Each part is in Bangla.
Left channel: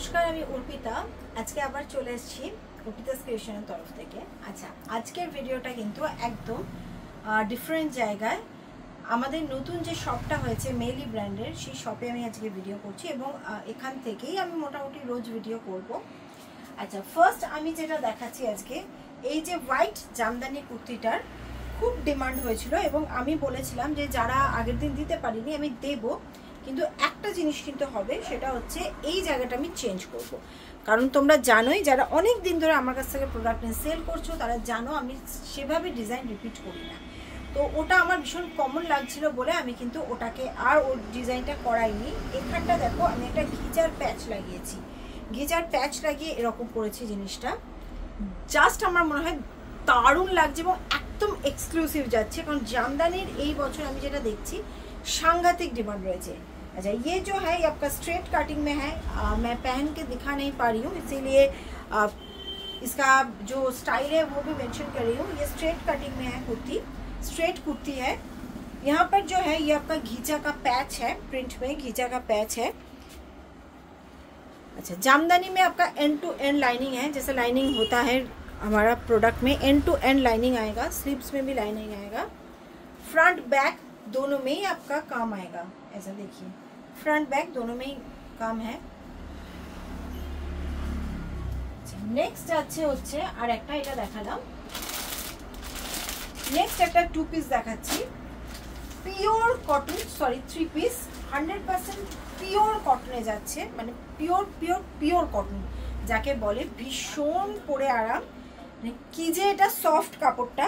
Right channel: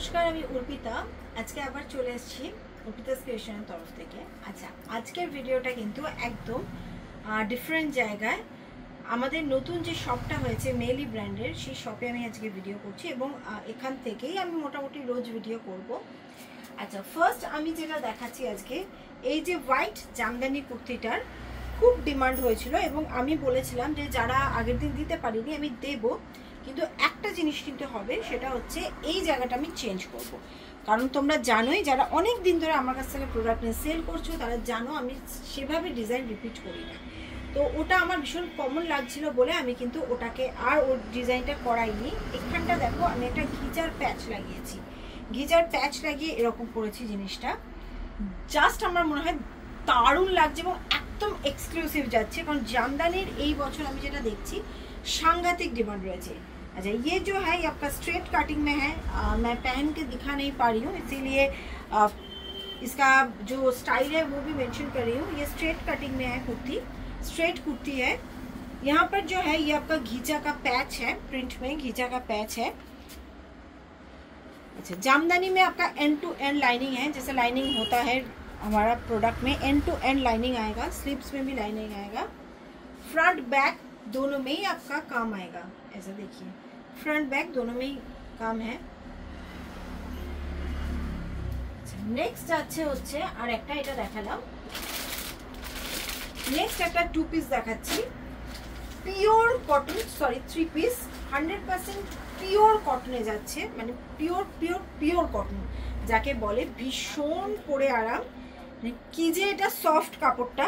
নমস্কার, আমি অর্পিতা। আজকে আবার চলে এসেছি অর্পিতাস ক্রিয়েশনের তরফ থেকে। আচ্ছা, আজকের ভিডিওটা কিন্তু একদম ডিফারেন্ট জায়গায়। আমাদের নতুন যে শপটা হয়েছে মেলি ব্র্যান্ডের, সেই শপে আমি আজকে ভিডিও করছি এবং এখান থেকেই আমি মোটামুটি রোজ ভিডিও করব। আচ্ছা, ফার্স্ট আমি যেটা দেখাচ্ছি আজকে, এই যে হোয়াইট জামদানি কুর্তিটার খুব ডিমান্ড হয়েছিল এবং আমি বলেছিলাম যে যারা আগের দিন দিতে পারিনি আমি দেব, কিন্তু একটা জিনিস কিন্তু হবে, সেটা হচ্ছে এই জায়গাটা আমি চেঞ্জ করব। কারণ তোমরা জানোই, যারা অনেক দিন ধরে আমার কাছ থেকে প্রোডাক্ট নিয়ে সেল করছো তারা জানো আমি সেভাবে ডিজাইন রিপিট করি না। তো ওটা আমার ভীষণ কমন লাগছিল বলে আমি কিন্তু ওটাকে আর ওর ডিজাইনটা করাইনি। এখানটা দেখো, আমি একটা ঘিচার প্যাচ লাগিয়েছি, ঘিচার প্যাচ লাগিয়ে এরকম করেছি জিনিসটা। জাস্ট আমার মনে হয় দারুণ লাগছে এবং একদম এক্সক্লুসিভ যাচ্ছে, কারণ জামদানির এই বছর আমি যেটা দেখছি सांघातिक डिमांड रहे। अच्छा, ये जो है ये आपका स्ट्रेट कटिंग में है। मैं पहन के दिखा नहीं पा रही हूँ, इसीलिए इसका जो स्टाइल है वो भी मेंशन कर रही हूँ। ये स्ट्रेट कटिंग में है कुर्ती, स्ट्रेट कुर्ती है। यहाँ पर जो है ये आपका घीचा का पैच है, प्रिंट में घीचा का पैच है। अच्छा, जामदानी में आपका एंड टू एंड लाइनिंग है, जैसे लाइनिंग होता है हमारा प्रोडक्ट में, एंड टू एंड लाइनिंग आएगा, स्लीव्स में भी लाइनिंग आएगा। फ्रंट बैक दोनों में ही आपका काम आएगा। ऐसा देखिए, फ्रंट बैक दोनों में ही काम है। नेक्स्ट যাচ্ছে হচ্ছে আর একটা, এটা দেখালাম। নেক্সট একটা টু পিস দেখাচ্ছি, pure cotton, sorry 3 piece, 100% pure কটনে যাচ্ছে, মানে পিওর পিওর পিওর কটন যাকে বলে, ভীষণ পরে আরাম। কি যে এটা সফট কাপড়টা,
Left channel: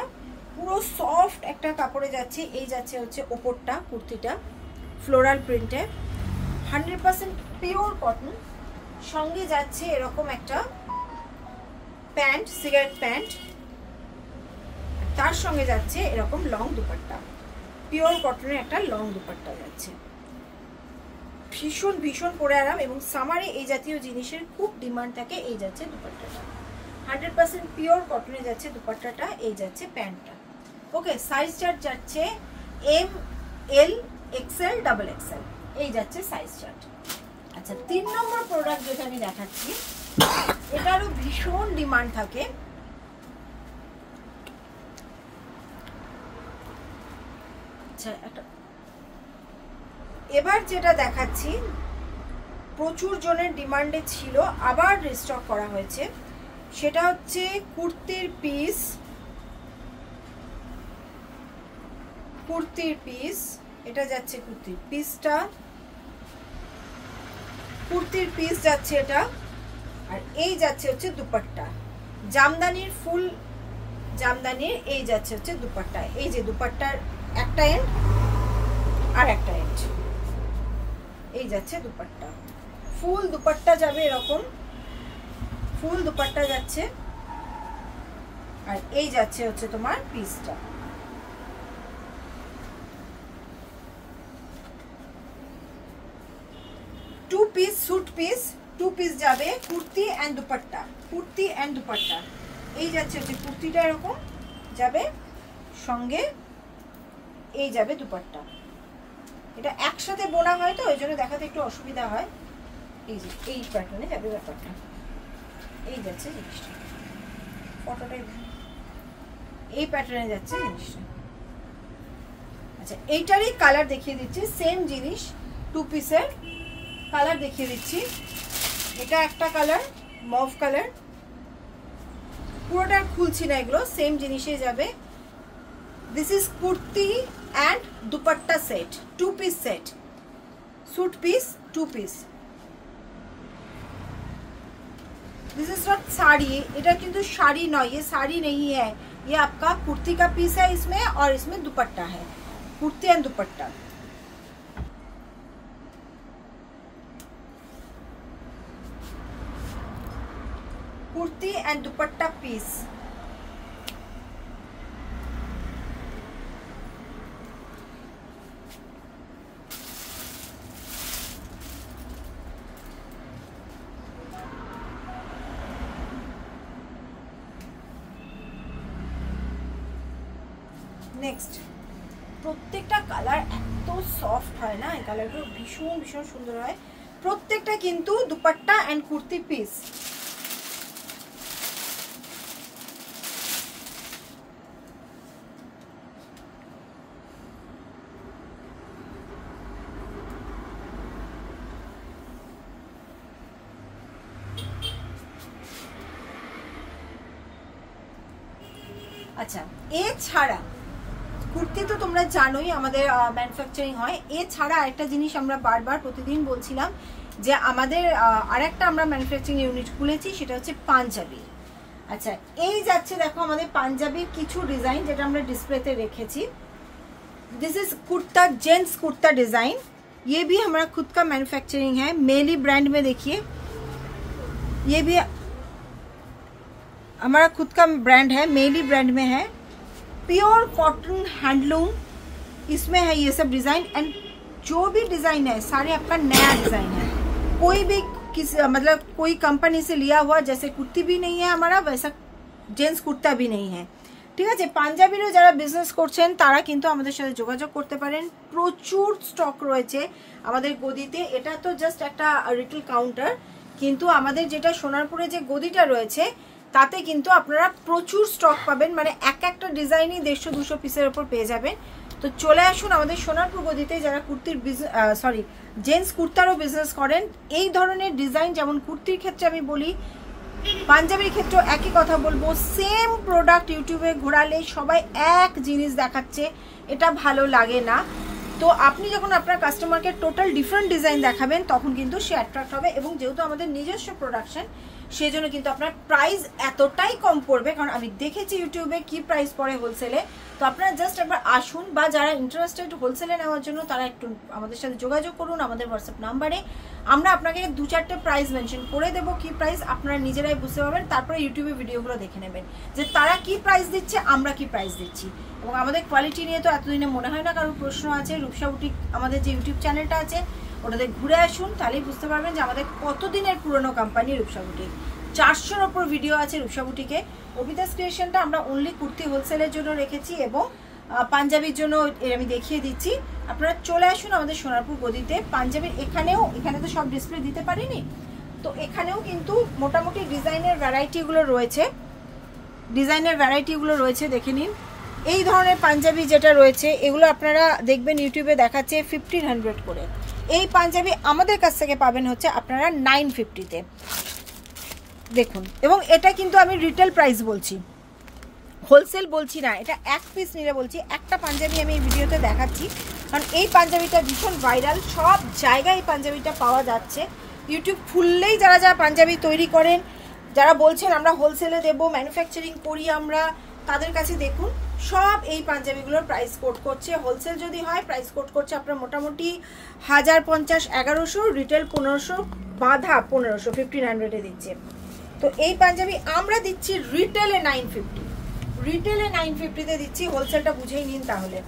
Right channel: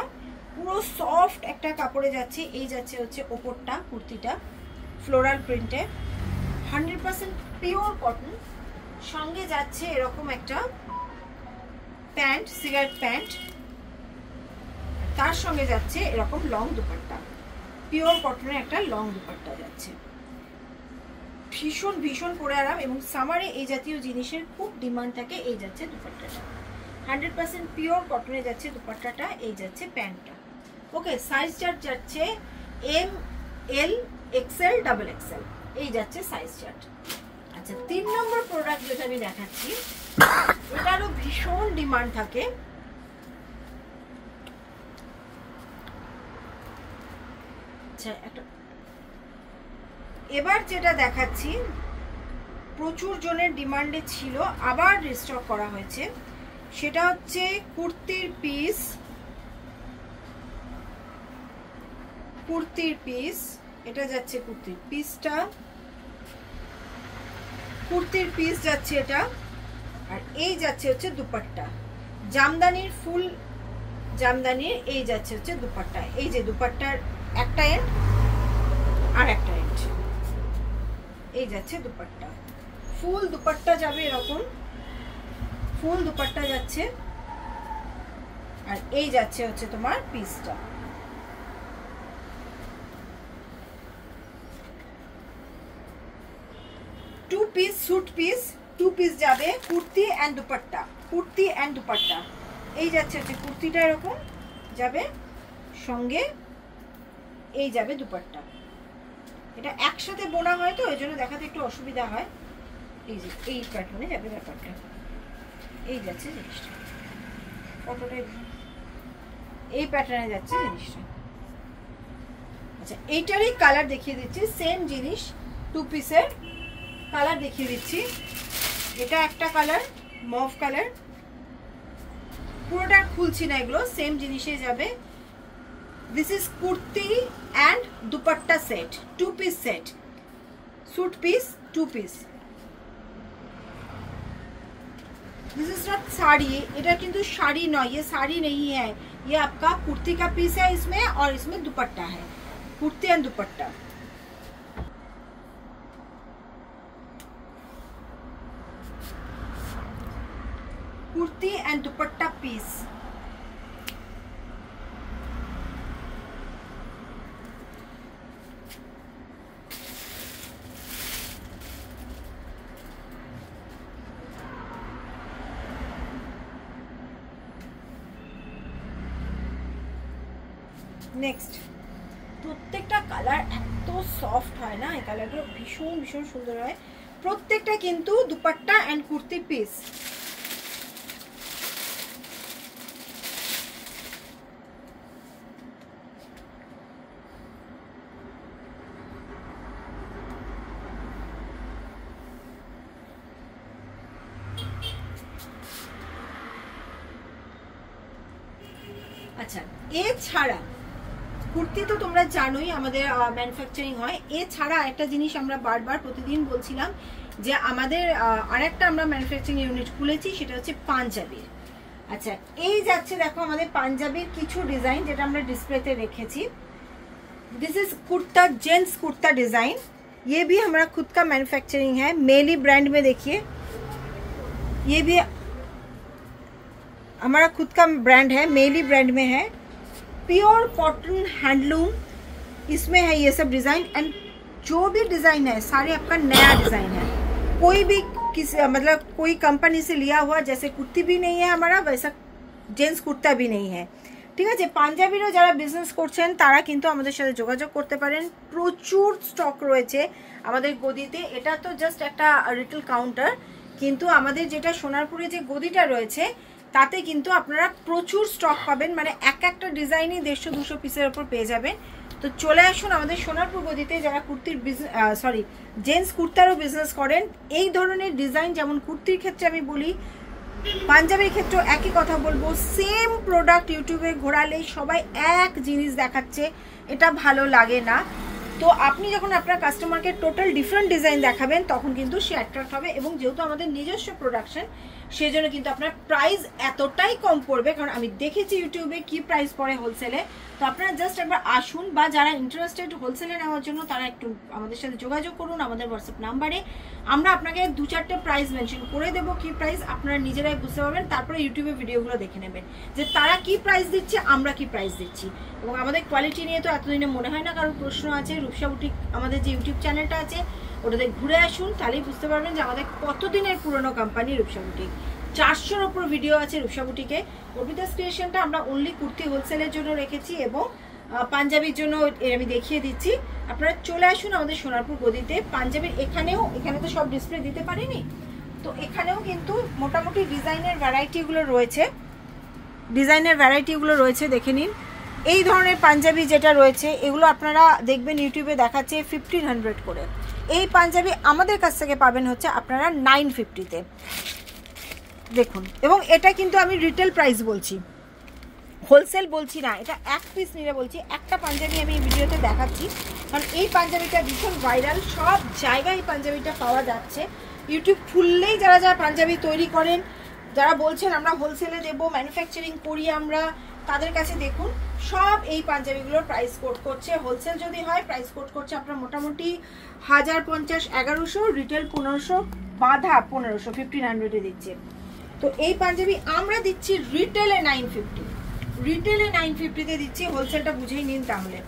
পুরো সফট একটা কাপড়ে যাচ্ছে। এই যাচ্ছে হচ্ছে ওপরটা, কুর্তিটা ফ্লোরাল প্রিন্টে, 100% পিওর কটন। সঙ্গে যাচ্ছে এরকম একটা প্যান্ট, সিগারেট প্যান্ট, তার সঙ্গে যাচ্ছে এরকম লং দুপাট্টা, পিওর কটনের একটা লং দুপাট্টা যাচ্ছে। ভীষণ ভীষণ পরে আরাম এবং সামারে এই জাতীয় জিনিসের খুব ডিমান্ড থাকে। এই যাচ্ছে দুপাট্টাটা, 100% পিওর কটনে যাচ্ছে দুপাট্টাটা, এই যাচ্ছে প্যান্টটা। ওকে, সাইজ চার্ট যাচ্ছে এম, এল, এক্সএল, ডাবল এক্সএল, এই যাচ্ছে সাইজ চার্ট। আচ্ছা, 3 নম্বর প্রোডাক্ট যেটা আমি দেখাচ্ছি, এটারও ভীষণ ডিমান্ড থাকে। আচ্ছা, একটা এবার যেটা দেখাচ্ছি প্রচুর জনের ডিমান্ডে ছিল, আবার রিস্টক করা হয়েছে, সেটা হচ্ছে কুর্তির পিস। কুর্তির পিস, এটা যাচ্ছে কুর্তির পিসটা, কুর্তির পিস যাচ্ছে এটা, আর এই যাচ্ছে হচ্ছে দুপাট্টা, জামদানির ফুল জামদানির, এই যাচ্ছে হচ্ছে দুপাট্টা। এই যে দুপাট্টার একটা এন্ড আর একটা এন্ড, এই যাচ্ছে দুপাট্টা, ফুল দুপাট্টা যাবে এরকম, ফুল দুপাট্টা যাচ্ছে, আর এই যাচ্ছে হচ্ছে তোমার পিসটা। Two piece suit piece, two piece যাবে কুর্তি এন্ড দুপাট্টা, কুর্তি এন্ড দুপাট্টা, এই যাচ্ছে হচ্ছে কুর্তিটা এরকম যাবে, সঙ্গে এই যাবে দুপাট্টা। এটা একসাথে বোনা হয় তো ওই জন্য দেখাতে একটু অসুবিধা হয়। এই যে এই প্যাটার্নে যাবে ব্যাপারটা, এই যাচ্ছে জিনিসটা, ফটোটা এই প্যাটার্নে যাচ্ছে জিনিসটা। আচ্ছা, এইটারই কালার দেখিয়ে দিচ্ছি, সেম জিনিস, টু পিসের কালার দেখিয়ে দিচ্ছি। এটা একটা কালার, মভ কালার, পুরোটা খুলছি না, এগুলো সেম জিনিসে যাবে। This is kurti and dupatta set, two piece set, suit piece, two piece. This is not sari, এটা কিন্তু শাড়ি নয়, ये साड़ी नहीं है, ये आपका कुर्ती का पीस है इसमें, और इसमें दुपट्टा है, kurti and dupatta. Kurti and dupatta piece. Next, प्रत्येकटा कलर एत सफ्ट है ना, এই কালারগুলো ভীষণ ভীষণ সুন্দর হয়। প্রত্যেকটা কিন্তু দুপাট্টা এন্ড কুর্তি পিস। আচ্ছা, এছাড়া কুর্তি তো তোমরা জানোই আমাদের ম্যানুফ্যাকচারিং হয়। এছাড়া একটা জিনিস আমরা বারবার প্রতিদিন বলছিলাম যে আমাদের আরেকটা আমরা ম্যানুফ্যাকচারিং ইউনিট খুলেছি, সেটা হচ্ছে পাঞ্জাবির। আচ্ছা, এই যাচ্ছে দেখো আমাদের পাঞ্জাবির কিছু ডিজাইন যেটা আমরা ডিসপ্লেতে রেখেছি। This is kurta, gents kurta design. ये भी हमारा खुद का मैन्युफैक्चरिंग है, मेली ब्रांड में। देखिए ये भी हमारा खुद का ब्रांड है, मेली ब्रांड में है। प्योर कॉटन हैंडलूम इसमें है ये सब डिजाइन। एंड जो भी डिजाइन है सारे आपका नया डिजाइन है, कोई भी मतलब कोई कंपनी से लिया हुआ जैसे कुर्ती भी नहीं है हमारा, वैसा जेंट्स कुर्ता भी नहीं है। ঠিক আছে, পাঞ্জাবিরও যারা বিজনেস করছেন তারা কিন্তু আমাদের সাথে যোগাযোগ করতে পারেন। প্রচুর স্টক রয়েছে আমাদের গদিতে। এটা তো জাস্ট একটা রিটেল কাউন্টার, কিন্তু আমাদের যেটা সোনারপুরে যে গদিটা রয়েছে তাতে কিন্তু আপনারা প্রচুর স্টক পাবেন, মানে এক একটা ডিজাইনই 150-200 পিসের ওপর পেয়ে যাবেন। তো চলে আসুন আমাদের সোনারপুর গদিতে যারা কুর্তির জেন্টস কুর্তারও বিজনেস করেন। এই ধরনের ডিজাইন, যেমন কুর্তির ক্ষেত্রে আমি বলি, পাঞ্জাবির ক্ষেত্রে একই কথা বলবো, সেম প্রোডাক্ট ইউটিউবে ঘোরালে সবাই এক জিনিস দেখাচ্ছে, এটা ভালো লাগে না। তো আপনি যখন আপনার কাস্টমারকে টোটাল ডিফারেন্ট ডিজাইন দেখাবেন তখন কিন্তু সে অ্যাট্রাক্ট হবে। এবং যেহেতু আমাদের নিজস্ব প্রোডাকশন, সেজন্য কিন্তু আপনার প্রাইস এতটাই কম পড়বে, কারণ আমি দেখেছি ইউটিউবে কি প্রাইস পড়ে হোলসেলে। তো আপনারা জাস্ট একবার আসুন, বা যারা ইন্টারেস্টেড হোলসেলে নেওয়ার জন্য তারা একটু আমাদের সাথে যোগাযোগ করুন আমাদের হোয়াটসঅ্যাপ নাম্বারে। আমরা আপনাকে 2-4টে প্রাইস মেনশন করে দেবো, কি প্রাইস আপনারা নিজেরাই বুঝতে পারবেন। তারপরে ইউটিউবে ভিডিওগুলো দেখে নেবেন যে তারা কি প্রাইস দিচ্ছে, আমরা কি প্রাইস দিচ্ছি। এবং আমাদের কোয়ালিটি নিয়ে তো এতদিনে মনে হয় না কারোর প্রশ্ন আছে। রূপসা বুটিক আমাদের যে ইউটিউব চ্যানেলটা আছে ওটাতে ঘুরে আসুন, তাহলেই বুঝতে পারবেন যে আমাদের কতদিনের পুরনো কোম্পানি রূপসা বুটিক। 400-র ওপর ভিডিও আছে রূপসা বুটিকে। অভিদাস ক্রিয়েশনটা আমরা অনলি কুর্তি হোলসেলের জন্য রেখেছি, এবং পাঞ্জাবির জন্য আমি দেখিয়ে দিচ্ছি। আপনারা চলে আসুন আমাদের সোনারপুর গদিতে। পাঞ্জাবির এখানে তো সব ডিসপ্লে দিতে পারিনি, তো এখানেও কিন্তু মোটামুটি ডিজাইনের ভ্যারাইটিগুলো রয়েছে, দেখে নিন। এই ধরনের পাঞ্জাবি যেটা রয়েছে এগুলো আপনারা দেখবেন ইউটিউবে দেখাচ্ছে 1500 করে। এই পাঞ্জাবি আমাদের কাছ থেকে পাবেন হচ্ছে আপনারা 950-তে, দেখুন। এবং এটা কিন্তু আমি রিটেল প্রাইস বলছি, হোলসেল বলছি না। এটা এক পিস নিলে বলছি। একটা পাঞ্জাবি আমি এই ভিডিওতে দেখাচ্ছি, কারণ এই পাঞ্জাবিটা ভীষণ ভাইরাল, সব জায়গায় এই পাঞ্জাবিটা পাওয়া যাচ্ছে। ইউটিউব খুললেই যারা যারা পাঞ্জাবি তৈরি করেন, যারা বলছেন আমরা হোলসেলে দেবো, ম্যানুফ্যাকচারিং করি আমরা, তাদের কাছে দেখুন সব এই পাঞ্জাবিগুলোর প্রাইস কোড করছে। হোলসেল যদি হয় প্রাইস কোড করছে আপনার মোটামুটি 1050-1100, রিটেল 1500, বাঁধা 1500, 1500-এ দিচ্ছে। তো এই পাঞ্জাবি আমরা দিচ্ছি রিটেলে 950-তে দিচ্ছি, হোলসেলটা বুঝেই নিন তাহলে।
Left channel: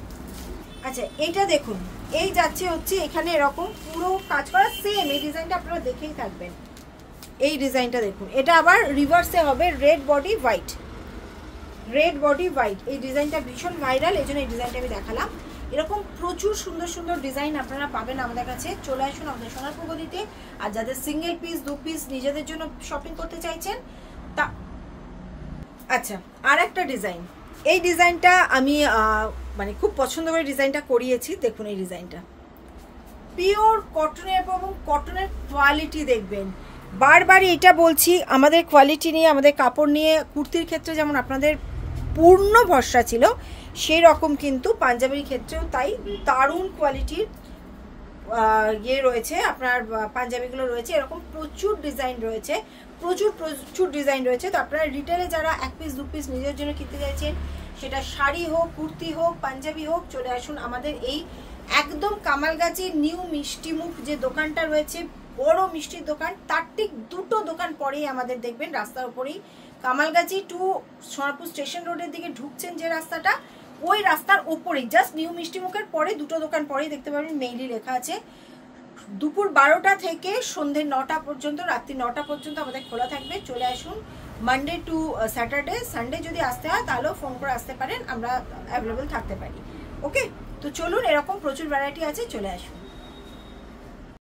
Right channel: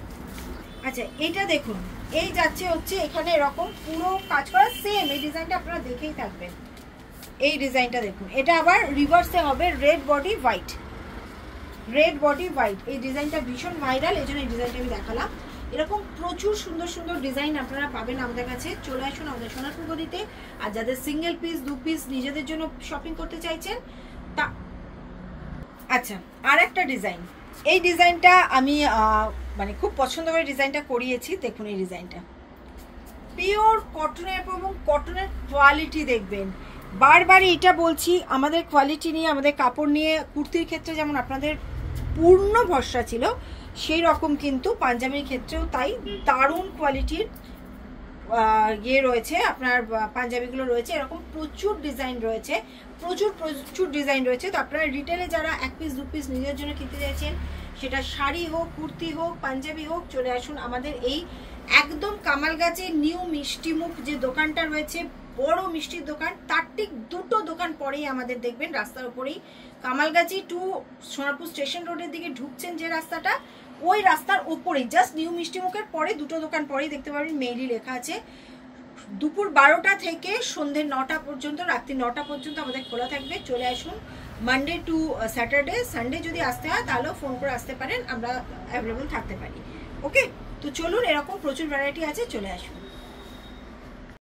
আচ্ছা, এইটা দেখুন, এই যাচ্ছে হচ্ছে এখানে এরকম পুরো কাজ করা সেম। এই ডিজাইনটা আপনারা দেখেই থাকবেন। এই ডিজাইনটা দেখুন, এটা আবার রিভার্সে হবে, রেড বডি হোয়াইট। এই ডিজাইনটা ভীষণ ভাইরাল, এই জন্য এই ডিজাইনটা আমি দেখালাম। এরকম প্রচুর সুন্দর সুন্দর ডিজাইন আপনারা পাবেন আমাদের কাছে। চলে আসুন আমাদের সোনারপুর গদিতে। আর যাদের সিঙ্গেল পিস 2 পিস নিজেদের জন্য শপিং করতে চাইছেন তা আচ্ছা, আর একটা ডিজাইন, এই ডিজাইনটা আমি মানে খুব পছন্দ করে ডিজাইনটা করিয়েছি। দেখুন এই ডিজাইনটা পিওর কটনের, এবং কটনের কোয়ালিটি দেখবেন। বারবারই এটা বলছি, আমাদের কোয়ালিটি নিয়ে, আমাদের কাপড় নিয়ে কুর্তির ক্ষেত্রে যেমন আপনাদের পূর্ণ ভরসা ছিল, সেই রকম কিন্তু পাঞ্জাবির ক্ষেত্রেও তাই দারুণ কোয়ালিটির রয়েছে আপনার পাঞ্জাবিগুলো রয়েছে। এরকম প্রচুর ডিজাইন রয়েছে, প্রচুর ডিজাইন রয়েছে। তো আপনারা রিটেলে যারা 1 পিস 2 পিস নিজের জন্য কিনতে চাইছেন, সেটা শাড়ি হোক, কুর্তি হোক, পাঞ্জাবি হোক, চলে আসুন আমাদের এই একদম কামালগাছি নিউ মিষ্টিমুখ যে দোকানটা রয়েছে, বড় মিষ্টির দোকান, তার ঠিক 2টো দোকান পরেই আমাদের দেখবেন রাস্তার উপরেই, কামালগাছি টু সোনারপুর স্টেশন রোডের দিকে ঢুকছেন যে রাস্তাটা, ওই রাস্তার উপরেই জাস্ট নিউ মিষ্টিমুখের পরে 2টো দোকান পরেই দেখতে পাবেন মেইলি লেখা আছে। দুপুর 12টা থেকে সন্ধ্যে 9টা পর্যন্ত, রাত্রি 9টা পর্যন্ত আমাদের খোলা থাকবে। চলে আসুন মানডে টু স্যাটারডে। সানডে যদি আসতে হয় তাহলেও ফোন করে আসতে পারেন, আমরা অ্যাভেলেবল থাকতে পারি। ওকে, তো চলুন, এরকম প্রচুর ভ্যারাইটি আছে, চলে আসুন।